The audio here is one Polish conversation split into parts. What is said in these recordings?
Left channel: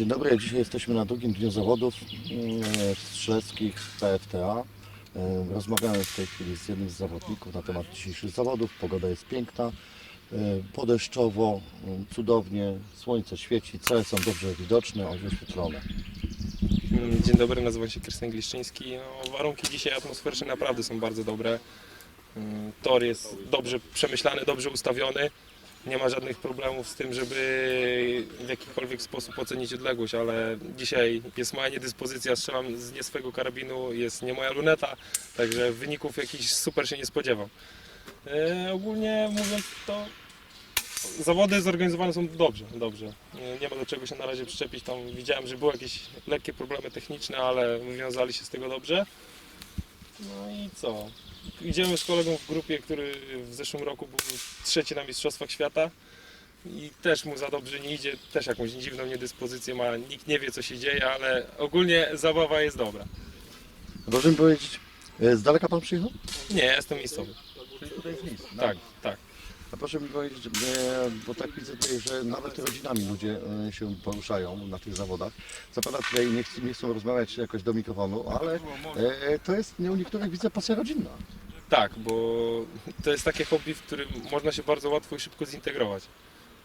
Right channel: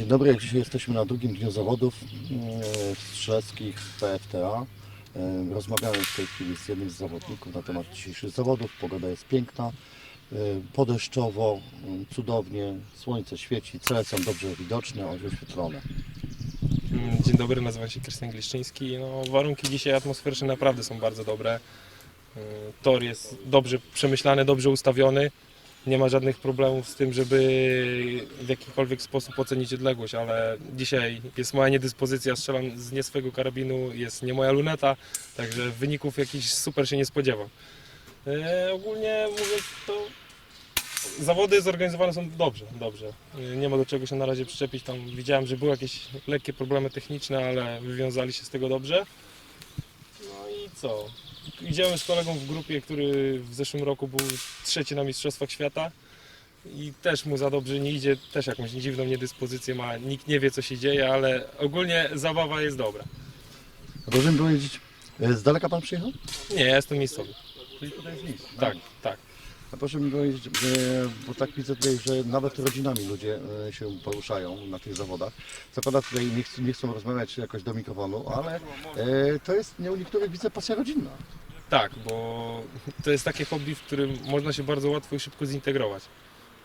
Dzień dobry, dzisiaj jesteśmy na drugim dniu zawodów mm, strzeleckich PFTA. E, Rozmawiamy w tej chwili z jednym z zawodników na temat dzisiejszych zawodów. Pogoda jest piękna, e, podeszczowo, mm, cudownie, słońce świeci, cele są dobrze widoczne, a wyświetlone. Mm, Dzień dobry, nazywam się Krystian Gliszczyński. No, warunki dzisiaj atmosferyczne naprawdę są bardzo dobre. Tor jest dobrze przemyślany, dobrze ustawiony. Nie ma żadnych problemów z tym, żeby w jakikolwiek sposób ocenić odległość, ale dzisiaj jest moja niedyspozycja, strzelam z nie karabinu, jest nie moja luneta, także wyników jakichś super się nie spodziewam. E, ogólnie mówiąc to Zawody zorganizowane są dobrze, dobrze. Nie- Nie ma do czego się na razie przyczepić. Tam widziałem, że były jakieś lekkie problemy techniczne, ale wywiązali się z tego dobrze. No i co? Idziemy z kolegą w grupie, który w zeszłym roku był trzeci na Mistrzostwach Świata i też mu za dobrze nie idzie, też jakąś dziwną niedyspozycję ma, nikt nie wie co się dzieje, ale ogólnie zabawa jest dobra. Mi powiedzieć, e, z daleka Pan przyjechał? Nie, ja jestem miejscowy. Tak, tak. A proszę mi powiedzieć, e, bo tak widzę tutaj, że nawet rodzinami ludzie e, się poruszają na tych zawodach. Zakładam tutaj, nie, chcą- nie chcą rozmawiać jakoś do mikrofonu, ale e, to jest nie u niektórych widzę pasja rodzinna. Tak, bo to jest takie hobby, w którym można się bardzo łatwo i szybko zintegrować.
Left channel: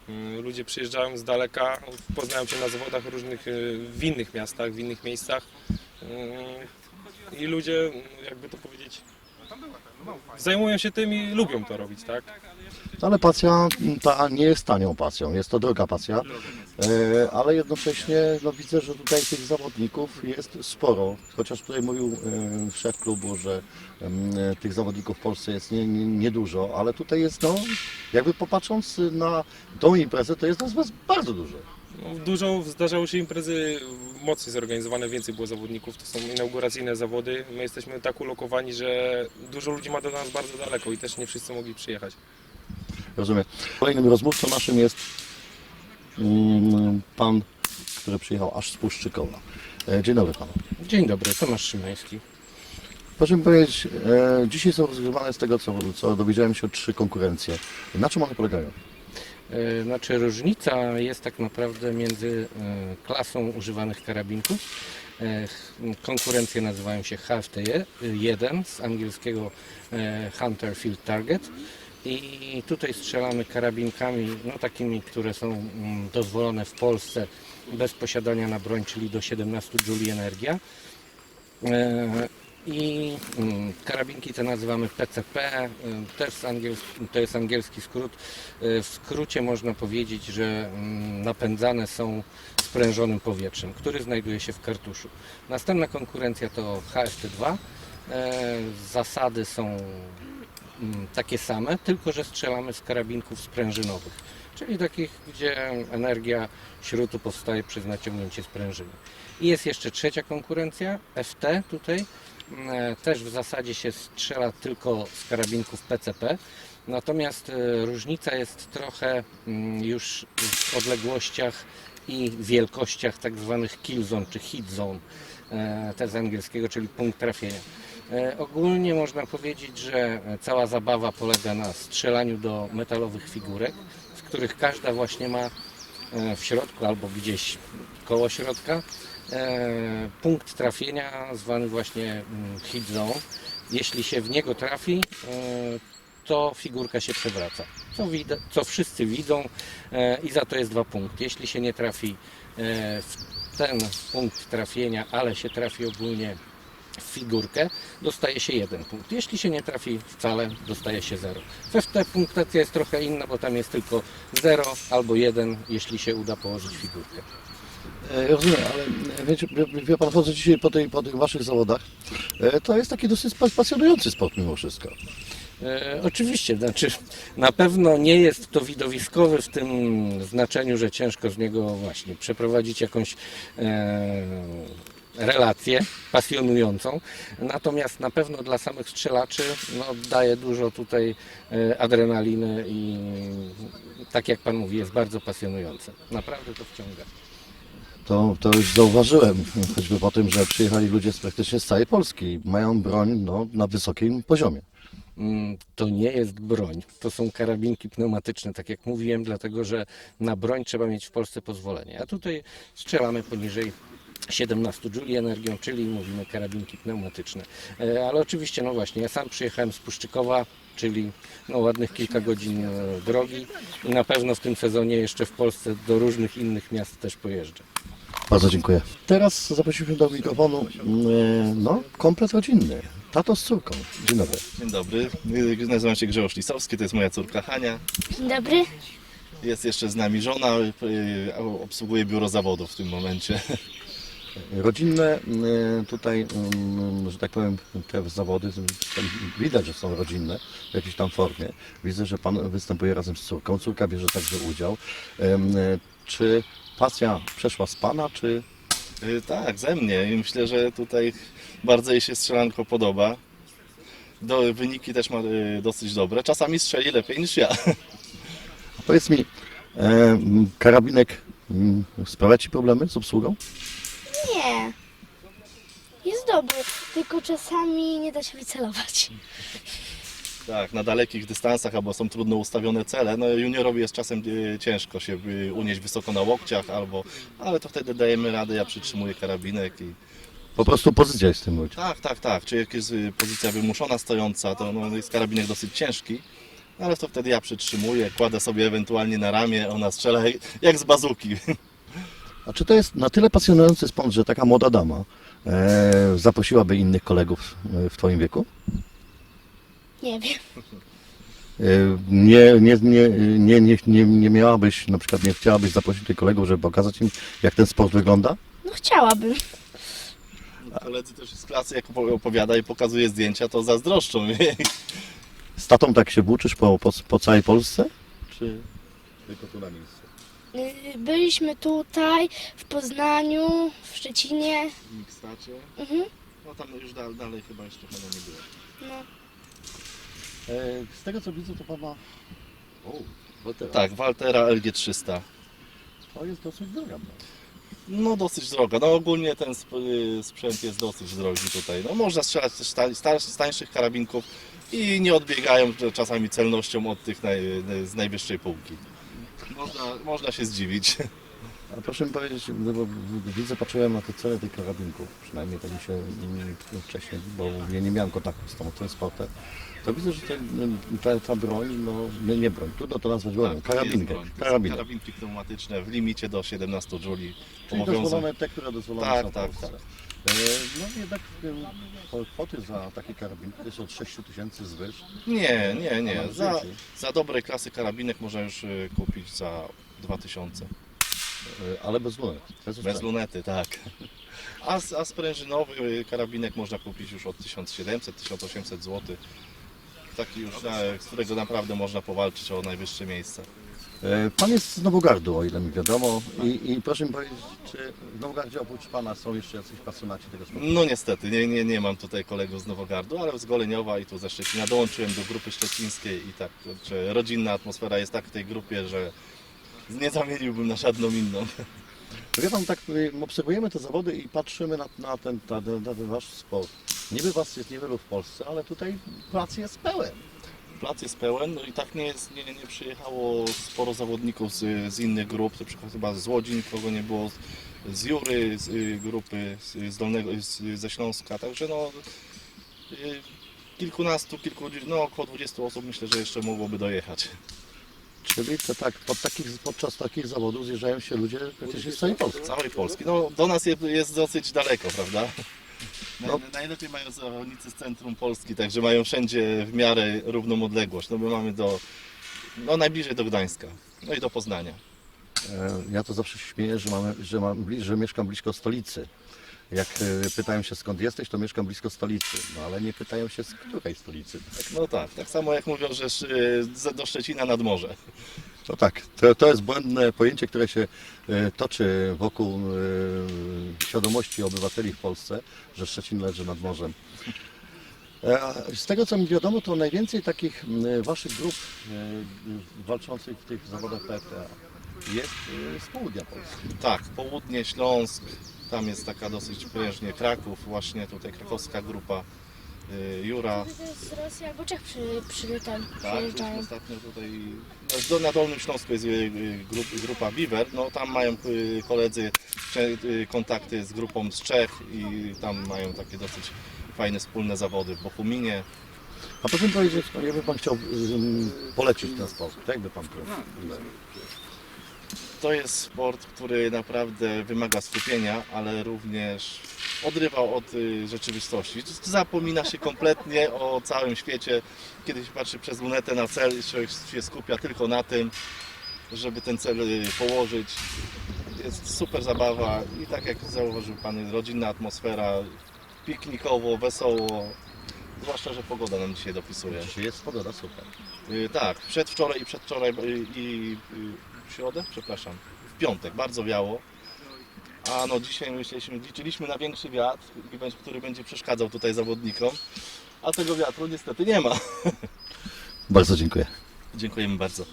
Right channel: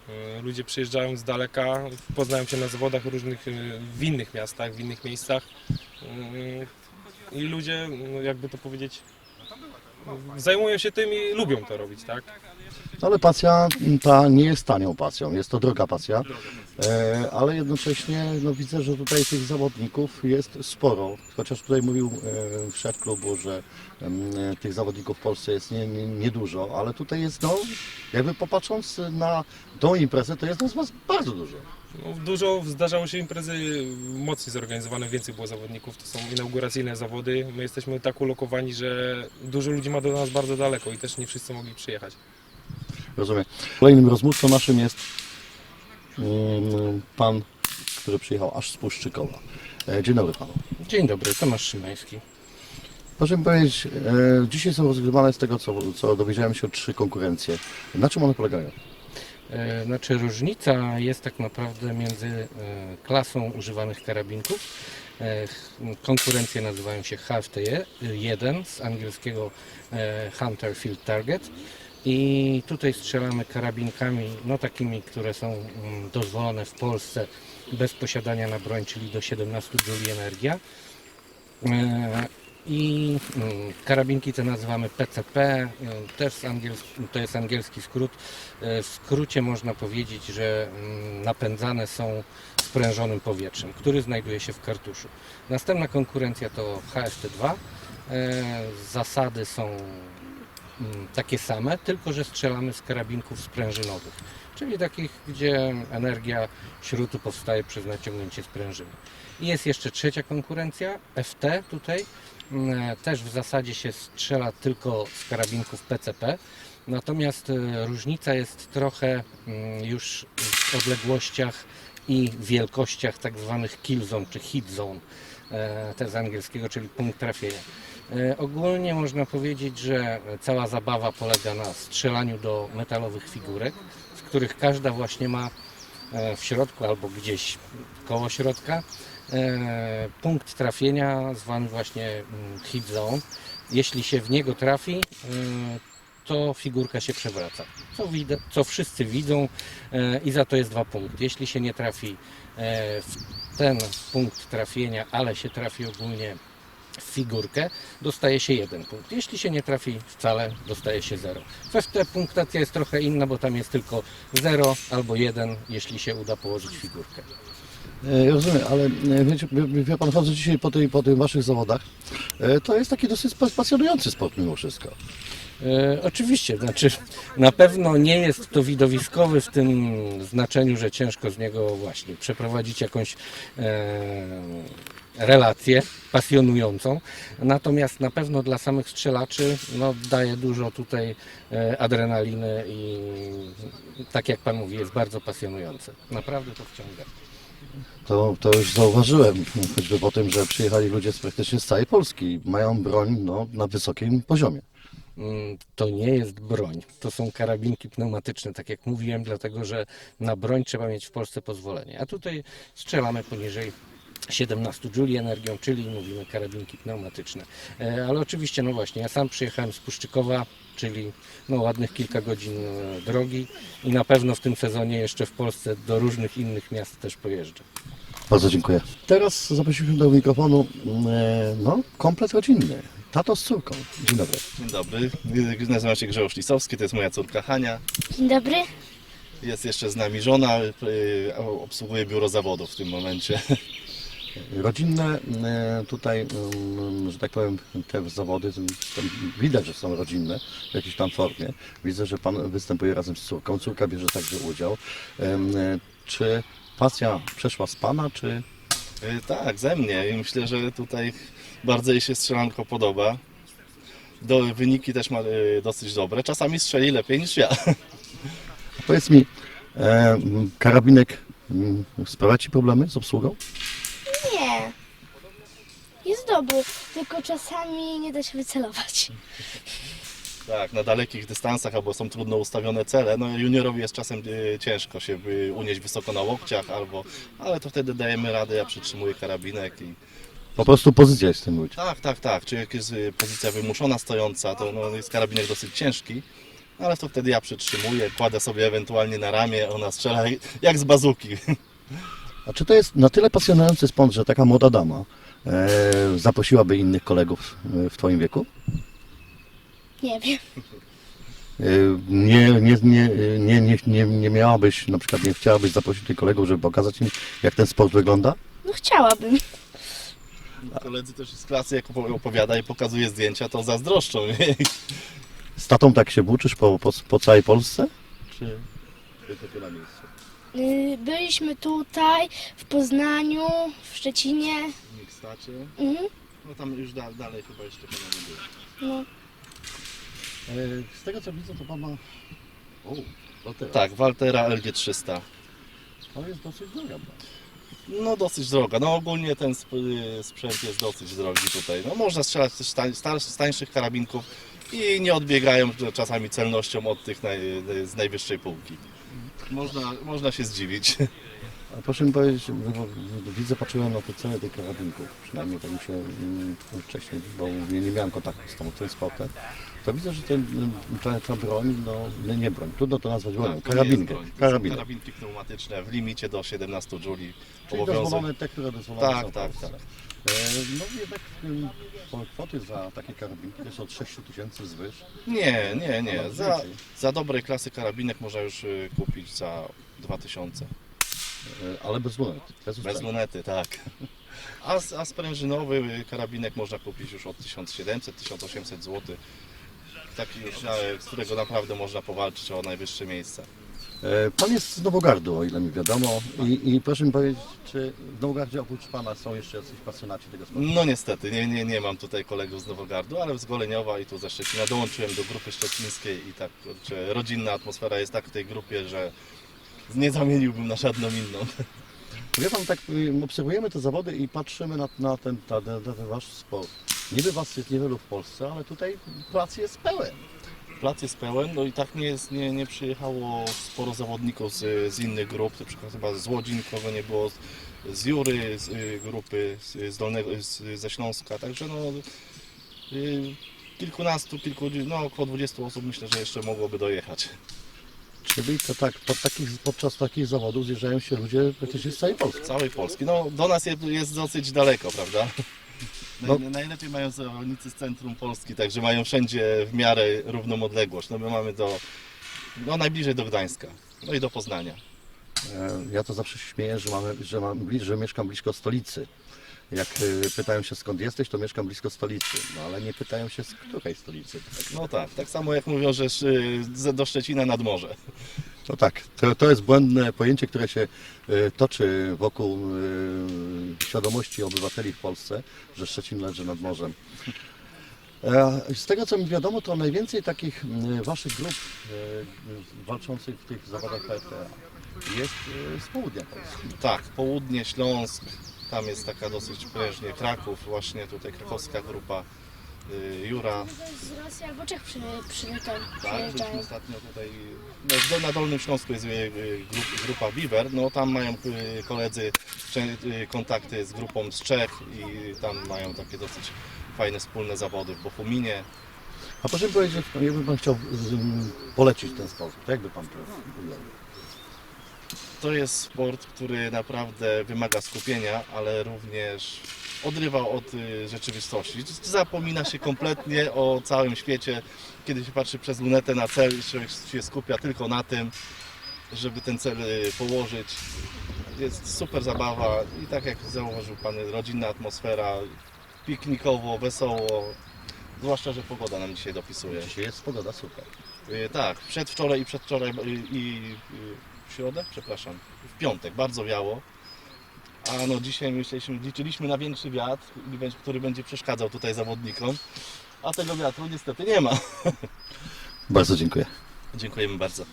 Y, Ludzie przyjeżdżają z daleka, poznają się na zawodach różnych y, w innych miastach, w innych miejscach. Y, I ludzie, no jakby to powiedzieć, zajmują się tym i lubią to robić, tak? Ale pasja m, ta nie jest tanią pasją, jest to droga pasja, e, ale jednocześnie no, widzę, że tutaj tych zawodników jest sporo. Chociaż tutaj mówił e, szef klubu, że em, e, tych zawodników w Polsce jest nie- nie- niedużo, ale tutaj jest, no, jakby popatrząc na tą imprezę, to jest nas bardzo dużo. No, dużo zdarzało się imprezy mocniej zorganizowane, więcej było zawodników. To są inauguracyjne zawody. My jesteśmy tak ulokowani, że dużo ludzi ma do nas bardzo daleko i też nie wszyscy mogli przyjechać. Rozumiem. Kolejnym rozmówcą naszym jest mm, pan, który przyjechał aż z Puszczykowa. E, Dzień dobry panu. Dzień dobry, Tomasz Szymański. Proszę mi powiedzieć, e, dzisiaj są rozgrywane z tego, co, co dowiedziałem się, trzy konkurencje. Na czym one polegają? E, Znaczy różnica jest tak naprawdę między e, klasą używanych karabinków. E, Konkurencje nazywają się HFT1 z angielskiego Hunter Field Target. I tutaj strzelamy karabinkami, no takimi, które są mm, dozwolone w Polsce bez posiadania na broń, czyli do 17 juli energia. I mm, karabinki te nazywamy PCP, e, też to jest angielski skrót. E, W skrócie można powiedzieć, że mm, napędzane są sprężonym powietrzem, który znajduje się w kartuszu. Następna konkurencja to HFT2. E, Zasady są mm, takie same, tylko że strzelamy z karabinków sprężynowych, czyli takich, gdzie energia śrutu powstaje przez naciągnięcie sprężyny. I jest jeszcze trzecia konkurencja, FT tutaj. Mm, Też w zasadzie się strzela tylko z karabinków PCP. Natomiast e, różnica jest trochę mm, już w odległościach i wielkościach tak zwanych kill zone czy hit zone, e, te z angielskiego, czyli punkt trafienia. E, Ogólnie można powiedzieć, że cała zabawa polega na strzelaniu do metalowych figurek, w których każda właśnie ma e, w środku albo gdzieś koło środka e, punkt trafienia zwany właśnie mm, hit zone. Jeśli się w niego trafi, e, to figurka się przewraca. Co, co wszyscy widzą e, i za to jest dwa punkty. Jeśli się nie trafi e, w ten punkt trafienia, ale się trafi ogólnie w figurkę, dostaje się jeden punkt. Jeśli się nie trafi wcale, dostaje się zero. W FT punktacja jest trochę inna, bo tam jest tylko 0 albo 1, jeśli się uda położyć figurkę. E, Rozumiem, ale e, wiecie, wie, pan, chodzę dzisiaj po, tej, po tych waszych zawodach, e, to jest taki dosyć pas- pasjonujący sport mimo wszystko. E, oczywiście, znaczy na pewno nie jest to widowiskowy w tym znaczeniu, że ciężko z niego właśnie przeprowadzić jakąś e, relację pasjonującą. Natomiast na pewno dla samych strzelaczy no, daje dużo tutaj e, adrenaliny i tak jak Pan mówi, jest bardzo pasjonujące. Naprawdę to wciąga. To, to już zauważyłem, choćby po tym, że przyjechali ludzie z praktycznie z całej Polski mają broń no, na wysokim poziomie. mm, to nie jest broń. To są karabinki pneumatyczne, tak jak mówiłem, dlatego że na broń trzeba mieć w Polsce pozwolenie. A tutaj strzelamy poniżej 17 Joule energią, czyli mówimy karabinki pneumatyczne. E, Ale oczywiście, no właśnie, ja sam przyjechałem z Puszczykowa, czyli no ładnych kilka godzin e, drogi i na pewno w tym sezonie jeszcze w Polsce do różnych innych miast też pojeżdżę. Bardzo dziękuję. Teraz zaprosiliśmy do mikrofonu e, no, komplet rodzinny. Tato z córką. Dzień dobry. Dzień dobry, nazywam się Grzegorz Lisowski, to jest moja córka Hania. Dzień dobry. Jest jeszcze z nami żona, a obsługuje biuro zawodów w tym momencie. Rodzinne e, tutaj, mm, że tak powiem, te zawody widać, że są rodzinne w jakiejś tam formie. Widzę, że Pan występuje razem z córką. Córka bierze także udział. E, Czy pasja przeszła z Pana, czy Y, Tak, ze mnie i myślę, że tutaj bardzo jej się strzelanko podoba. Do, wyniki też ma y, dosyć dobre, czasami strzeli lepiej niż ja. Powiedz mi, e, karabinek sprawia Ci problemy z obsługą? Jest dobry, tylko czasami nie da się wycelować. Tak, na dalekich dystansach albo są trudno ustawione cele. No juniorowi jest czasem y, ciężko się y, unieść wysoko na łokciach albo, ale to wtedy dajemy radę, ja przytrzymuję karabinek i Po prostu pozycja jest w tym ludzi. Tak, tak, tak. Czy jak jest y, pozycja wymuszona stojąca, to no, jest karabinek dosyć ciężki, ale to wtedy ja przytrzymuję, kładę sobie ewentualnie na ramię, ona strzela jak z bazuki. A czy to jest na tyle pasjonujący sport, że taka młoda dama zaprosiłaby innych kolegów e, w Twoim wieku? Nie wiem. E, Nie, nie, nie, nie, nie, nie, nie miałabyś, na przykład nie chciałabyś zaprosić tych kolegów, żeby pokazać im, jak ten sport wygląda? No chciałabym. Koledzy też z klasy, jak opo- opowiada i pokazuje zdjęcia, to zazdroszczą mnie. Z tatą tak się włóczysz po, po, po całej Polsce? Czy tylko tu na miejscu? Y, Byliśmy tutaj, w Poznaniu, w Szczecinie. W Mikstacie, Mhm. no tam już da, dalej chyba jeszcze chyba nie było. No. E, Z tego co widzę, to pan ma... O, Waltera. Tak, Waltera LG300. To jest dosyć droga. broń. No dosyć droga. No ogólnie ten sp- y, sprzęt jest dosyć drogi tutaj. No można strzelać też tań, z tańszych karabinków i nie odbiegają czasami celnością od tych naj, z najwyższej półki. Można, można się zdziwić. A proszę mi powiedzieć, bo- widzę, patrzyłem na te ceny tych karabinków, przynajmniej tak mi się mm, wcześniej, bo ja nie miałem kontaktu z tą, tym sportem, to widzę, że ten, ta, ta broń, no nie, nie broń, trudno to nazwać bronią, Tak, to nie jest karabinkę, broń. To są karabinek. Karabinki pneumatyczne w limicie do 17 Juli. Czyli dozwolone te, które dozwolone Tak, są tak, Polsce. tak. E, No jednak em, to kwoty za takie karabinki to jest od 6 tysięcy zwyż. Nie, nie, nie. Za, za dobrej klasy karabinek można już y, kupić za 2000. E, Ale bez lunet. Bez, lunety, tak. A, s- a sprężynowy y, karabinek można kupić już od 1700-1800 zł. Taki już, na, którego naprawdę można powalczyć o najwyższe miejsca. E, Pan jest z Nowogardu, o ile mi wiadomo. I, I proszę mi powiedzieć, czy w Nowogardzie oprócz Pana są jeszcze jacyś pasjonaci tego sportu? No niestety, nie, nie, nie mam tutaj kolegów z Nowogardu, ale z Goleniowa i tu ze Szczecina dołączyłem do grupy szczecińskiej i tak, kurczę, rodzinna atmosfera jest tak w tej grupie, że nie zamieniłbym na żadną inną. Wie Pan, tak y, obserwujemy te zawody i patrzymy na, na, ten, na, ten, na ten Wasz sport. Niby Was jest niewielu w Polsce, ale tutaj plac jest pełen. Plac jest pełen, no i tak nie, jest, nie, nie przyjechało sporo zawodników z, z innych grup, na przykład chyba z Łodzi nikogo nie było, z Jury, z y, grupy z, z Dolnego, z, ze Śląska, także no y, kilkunastu, kilku, no około 20 osób myślę, że jeszcze mogłoby dojechać. Czyli to tak, pod takich, podczas takich zawodów zjeżdżają się ludzie praktycznie z całej Polski. Z całej Polski. No do nas jest dosyć daleko, prawda? No. Naj, najlepiej mają zawodnicy z centrum Polski, także mają wszędzie w miarę równą odległość. No my mamy do, no najbliżej do Gdańska, no i do Poznania. E, Ja to zawsze się śmieję, że, mamy, że, mam, że mieszkam blisko stolicy. Jak e, pytają się skąd jesteś, to mieszkam blisko stolicy. No ale nie pytają się z której stolicy. No tak, tak samo jak mówią, że z- do Szczecina nad morze. No tak, to, to jest błędne pojęcie, które się e, toczy wokół e, świadomości obywateli w Polsce, że Szczecin leży nad morzem. E, Z tego co mi wiadomo, to najwięcej takich waszych grup walczących w tych zawodach PTA jest z południa Polski. Tak, południe, Śląsk, tam jest taka dosyć prężnie Kraków, właśnie tutaj krakowska grupa y, Jura, Rosji albo Czech przy, przy, tam Tak, byliśmy ostatnio tutaj, no, na Dolnym Śląsku jest y, y, grup, grupa Beaver, no tam mają koledzy kontakty z grupą z Czech i tam mają takie dosyć fajne wspólne zawody w Bochuminie. A proszę mi powiedzieć, no jakby Pan chciał polecić ten sposób, to jakby Pan powiedział? To jest sport, który naprawdę wymaga skupienia, ale również odrywa od y, rzeczywistości. Zapomina się kompletnie o całym świecie. Kiedy się patrzy przez lunetę na cel, człowiek się skupia tylko na tym, żeby ten cel y, położyć. Jest super zabawa i tak jak zauważył Pan, rodzinna atmosfera, piknikowo, wesoło. Zwłaszcza, że pogoda nam dzisiaj dopisuje. Dzisiaj jest pogoda super. Y, Tak, przedwczoraj i przedwczoraj i w środę, przepraszam, w piątek bardzo wiało. A no dzisiaj myśleliśmy, liczyliśmy na większy wiatr, który będzie przeszkadzał tutaj zawodnikom. A tego wiatru niestety nie ma. Bardzo dziękuję. Dziękujemy bardzo.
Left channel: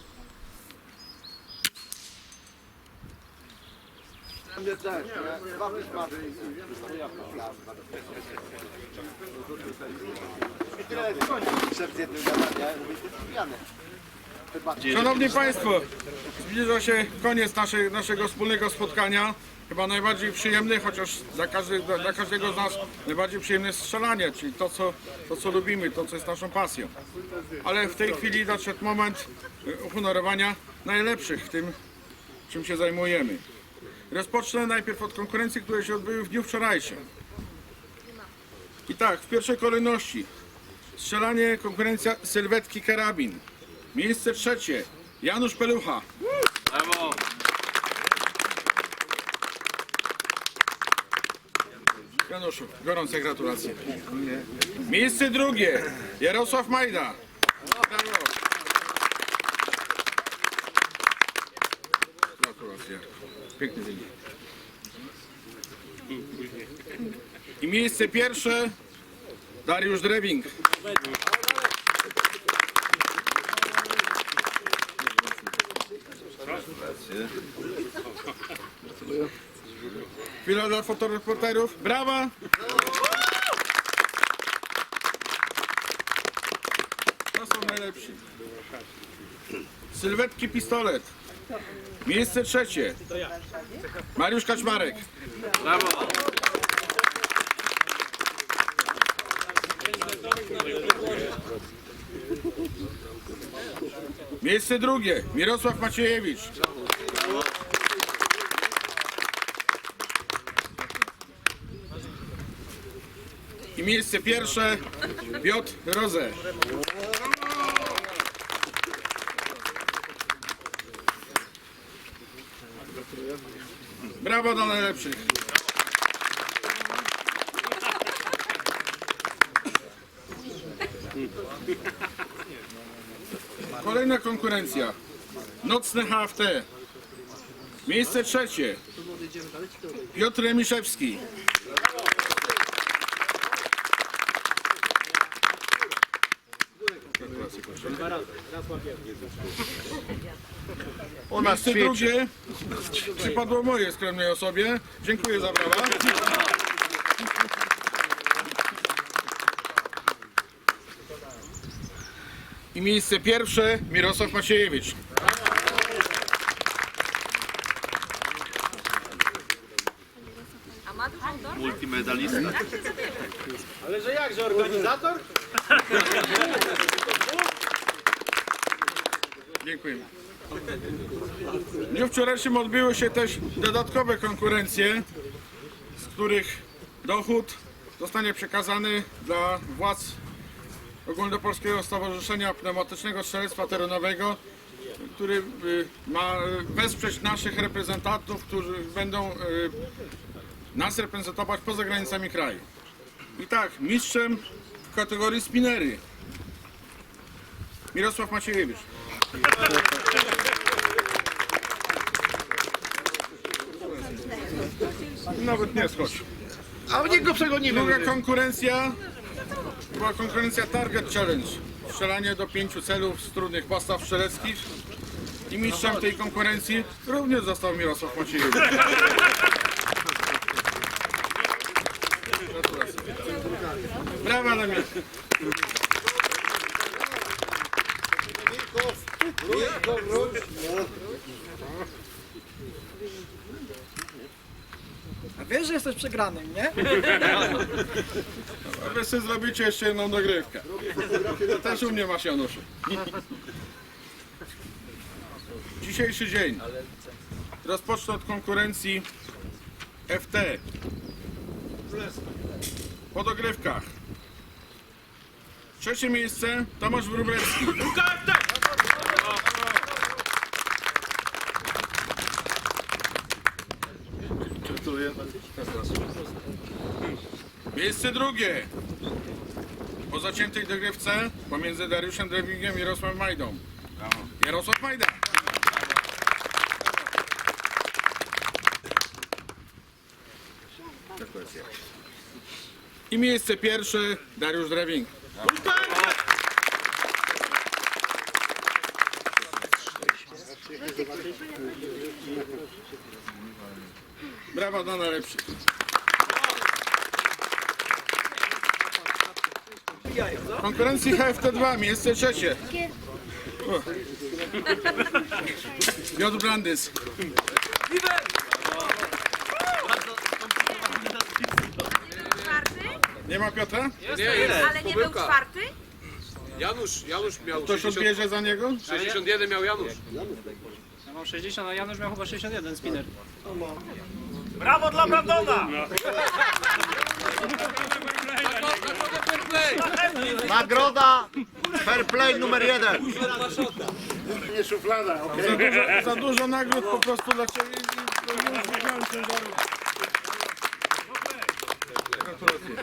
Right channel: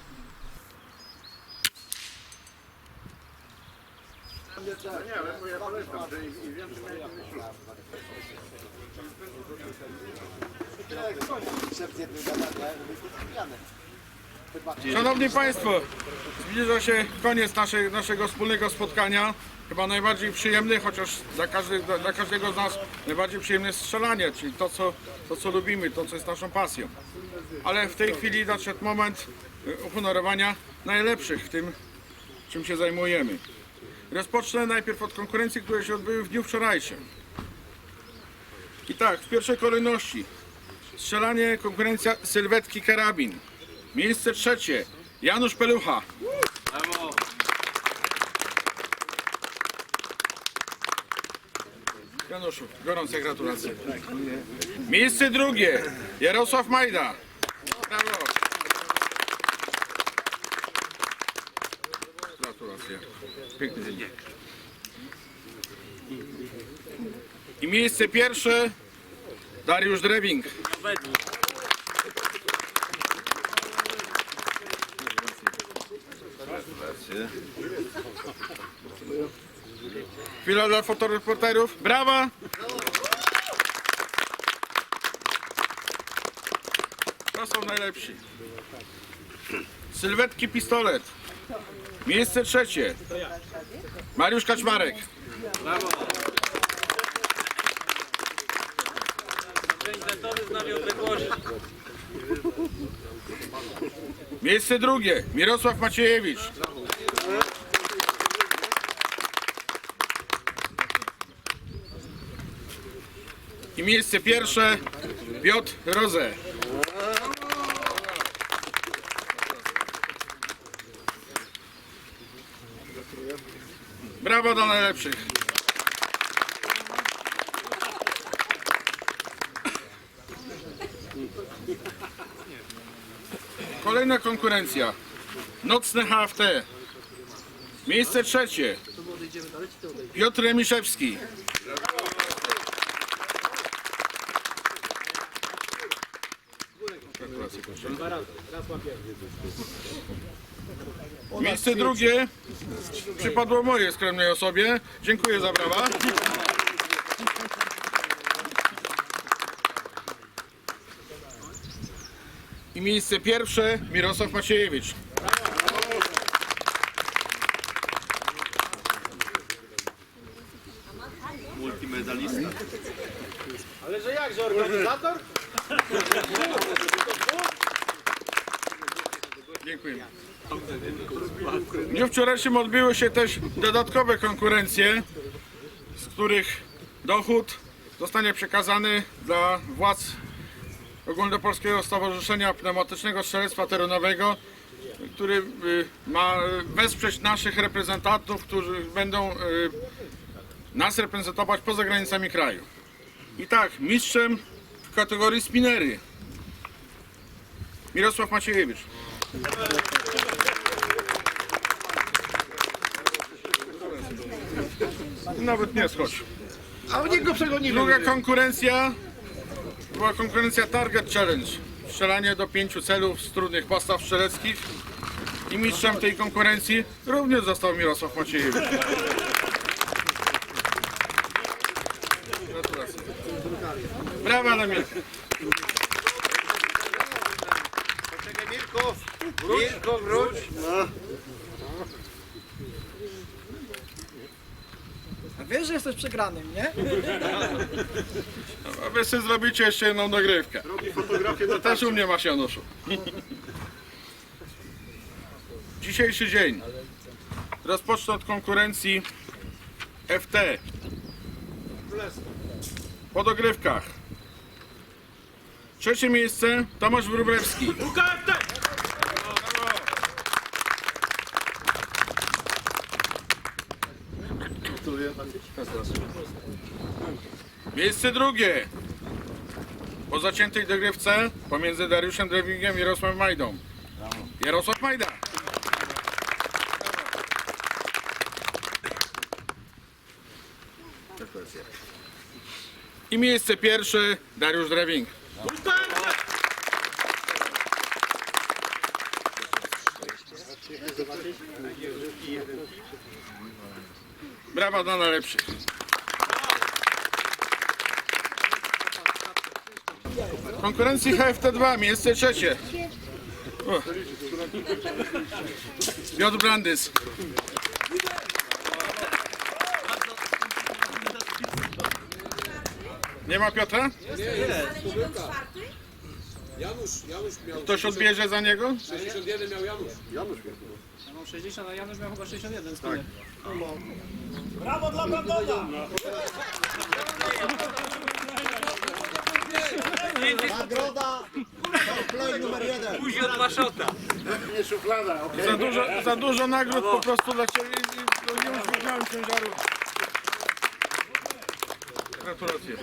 Szanowni Państwo, zbliża się koniec naszej, naszego wspólnego spotkania. Chyba najbardziej przyjemny, chociaż dla, każdy, dla, każdego z nas najbardziej przyjemne jest strzelanie, czyli to co, to, co lubimy, to, co jest naszą pasją. Ale w tej chwili nadszedł moment y, uhonorowania najlepszych w tym, czym się zajmujemy. Rozpocznę najpierw od konkurencji, które się odbyły w dniu wczorajszym. I tak, w pierwszej kolejności strzelanie, konkurencja sylwetki karabin. Miejsce trzecie. Janusz Pelucha. Januszu, gorące gratulacje. Miejsce drugie. Jarosław Majda. Brawo. Gratulacje. Piękny wynik. I miejsce pierwsze. Dariusz Drebing. Chwila dla fotoreporterów. Brawa! To są najlepsi. Sylwetki pistolet. Miejsce trzecie. Mariusz Kaczmarek. Miejsce drugie. Mirosław Maciejewicz. I miejsce pierwsze Piotr Roze. Brawo dla najlepszych. Kolejna konkurencja. Nocne HFT. Miejsce trzecie. Piotr Remiszewski. Miejsce drugie przypadło mojej skromnej osobie. Dziękuję za brawa. I miejsce pierwsze Mirosław Maciejewicz. Dziękuję. W dniu wczorajszym odbyły się też dodatkowe konkurencje, z których dochód zostanie przekazany dla władz Ogólnopolskiego Stowarzyszenia Pneumatycznego Strzelectwa Terenowego, który y, ma wesprzeć naszych reprezentantów, którzy będą y, nas reprezentować poza granicami kraju. I tak, mistrzem w kategorii spinery Mirosław Maciejewicz. Nawet nie skocz. A u niego przegonimy. Druga konkurencja była konkurencja Target Challenge. Strzelanie do pięciu celów z trudnych postaw strzeleckich. I mistrzem tej konkurencji również został Mirosław Maciejewicz. Gratulacje. Brawa na mnie. A wiesz, że jesteś przegranym, nie? A wy sobie zrobicie jeszcze jedną dogrywkę. To też u mnie masz Januszu. Dzisiejszy dzień. Rozpocznę od konkurencji FT. Po dogrywkach. Trzecie miejsce Tomasz Wróblewski. Miejsce drugie. Po zaciętej dogrywce pomiędzy Dariuszem Drewingiem i Jarosławem Majdą. Jarosław Majda. I miejsce pierwsze Dariusz Drewing. Brawa dla najlepszych. Konkurencji HFT2, miejsce trzecie. O. Piotr Brandys. Nie ma Piotra? Ale nie był czwarty? Janusz, Janusz miał Ktoś odbierze za niego? 61 miał Janusz. Ja mam 60, a Janusz miał chyba 61 spinner. Nagroda fair play numer jeden. Za dużo, za dużo nagród po prostu dla Ciebie i nie. Gratulacje.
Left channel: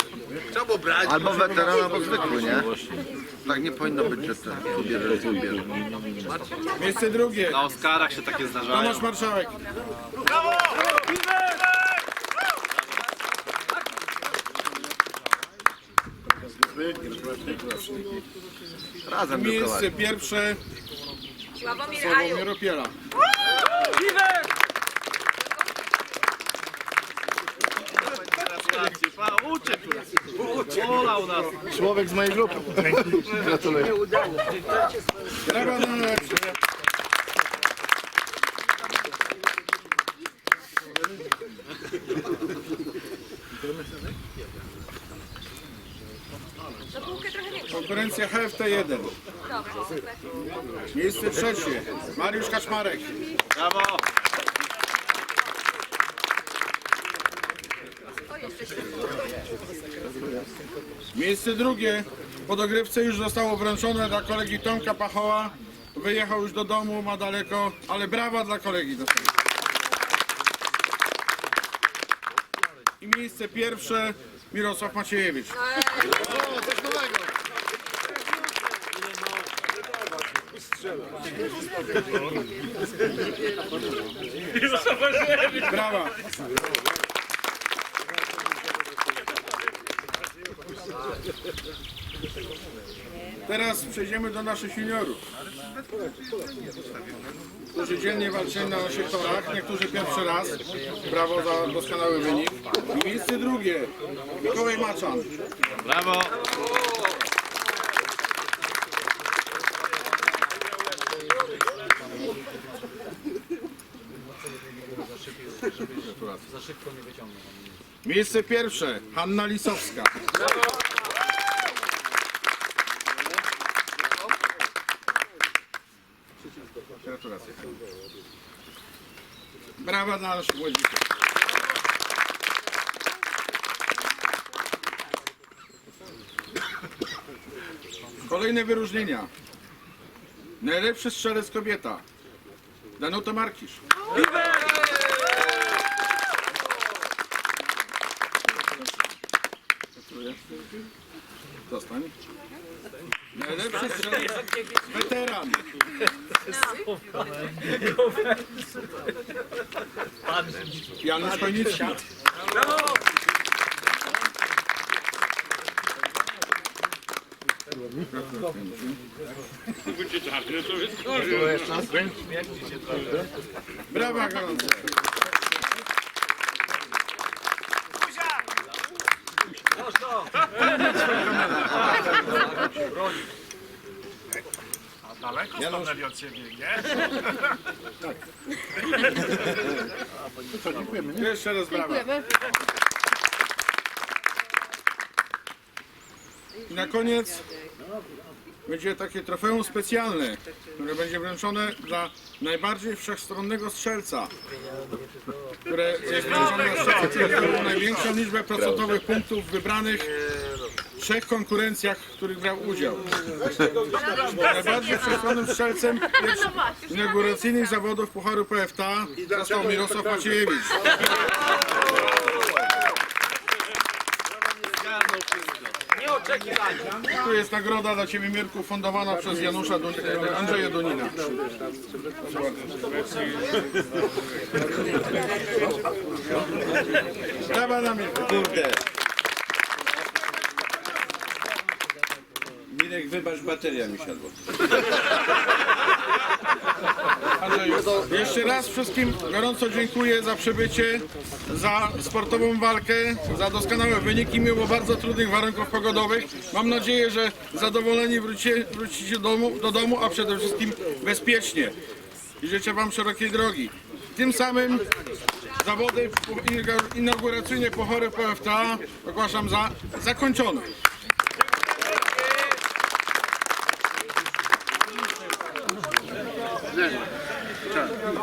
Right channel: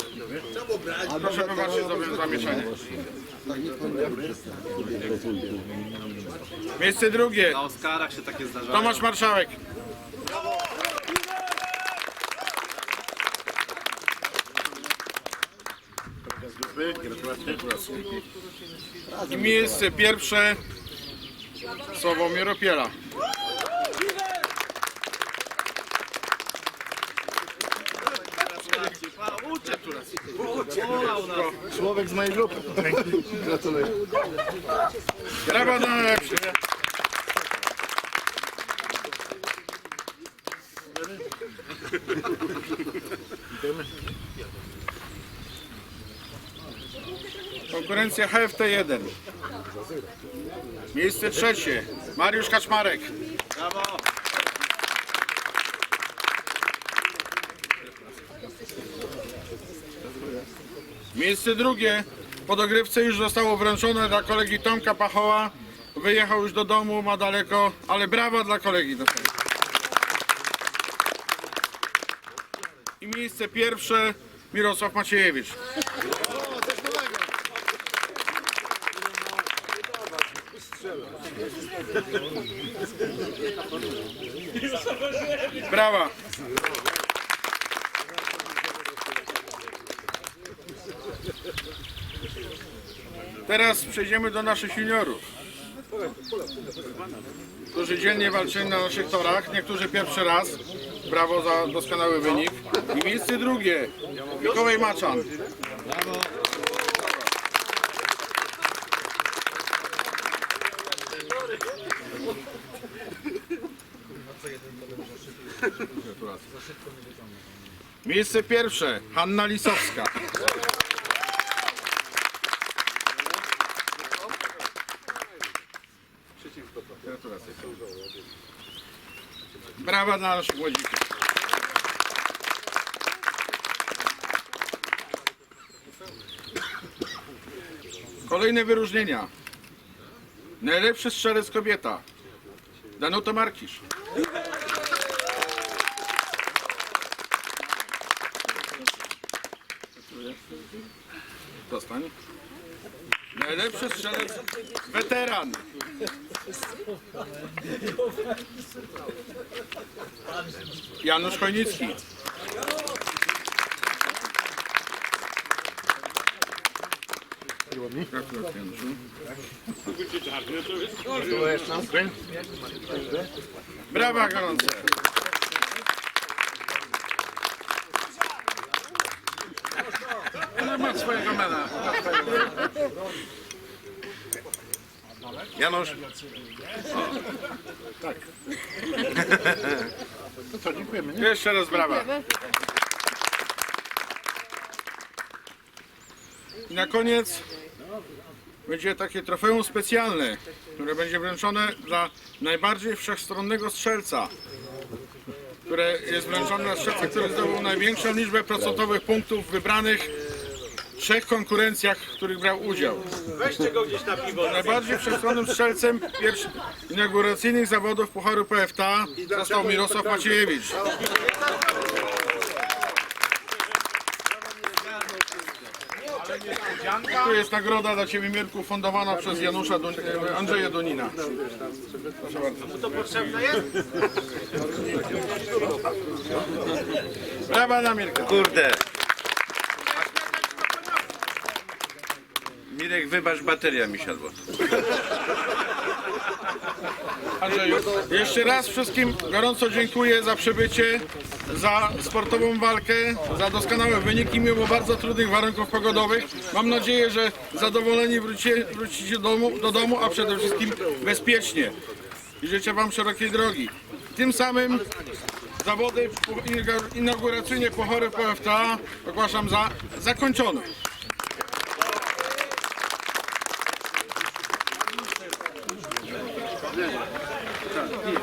Albo weteran, albo zwykły, nie? Tak nie powinno być, że ten Miejsce drugie. Na Oscarach się takie zdarzają. Tomasz Marszałek. I miejsce pierwsze Sławomir Sławomir Opiela. Człowiek z mojej grupy. Gratuluję. Brawa dla najlepszych. Konkurencja HFT1. Miejsce trzecie. Mariusz Kaczmarek. Brawo! Miejsce drugie. Po dogrywce już zostało wręczone dla kolegi Tomka Pachoła. Wyjechał już do domu, ma daleko, ale brawa dla kolegi. I miejsce pierwsze Mirosław Maciejewicz. Brawa. Teraz przejdziemy do naszych juniorów, którzy dziennie walczyli na naszych torach, niektórzy pierwszy raz. Brawo za doskonały wynik. I miejsce drugie, Mikołaj Maczan. Brawo! Miejsce pierwsze, Hanna Lisowska. Gratulacje. Brawa dla naszych. Kolejne wyróżnienia. Najlepszy strzelec kobieta. Danuta Markisz. Dostań. Najlepszy strzelec weteran. Janusz Chojnicki. Gratulacje, Januszu. Brawa gorące. Swojego mena. Janusz. Jeszcze raz brawa. I na koniec będzie takie trofeum specjalne, które będzie wręczone dla najbardziej wszechstronnego strzelca, które jest wręczone dla strzelca, który zdobył największą liczbę procentowych punktów wybranych trzech konkurencjach, w których brał udział. Najbardziej wszechstronnym strzelcem inauguracyjnych zawodów Pucharu PFTA został Mirosław Maciejewicz. Tu jest nagroda dla Ciebie Mirku fundowana przez Janusza Dun Andrzeja bardzo. Brawa na Mirka. Kurde. Mirek, wybacz, bateria mi siadła. Andrzeju, jeszcze raz wszystkim gorąco dziękuję za przybycie, za sportową walkę, za doskonałe wyniki mimo bardzo trudnych warunków pogodowych. Mam nadzieję, że zadowoleni wrócicie, wrócicie do domu, do domu, a przede wszystkim bezpiecznie. I życzę Wam szerokiej drogi. Tym samym zawody inauguracyjne Puchary PFTA ogłaszam za zakończone.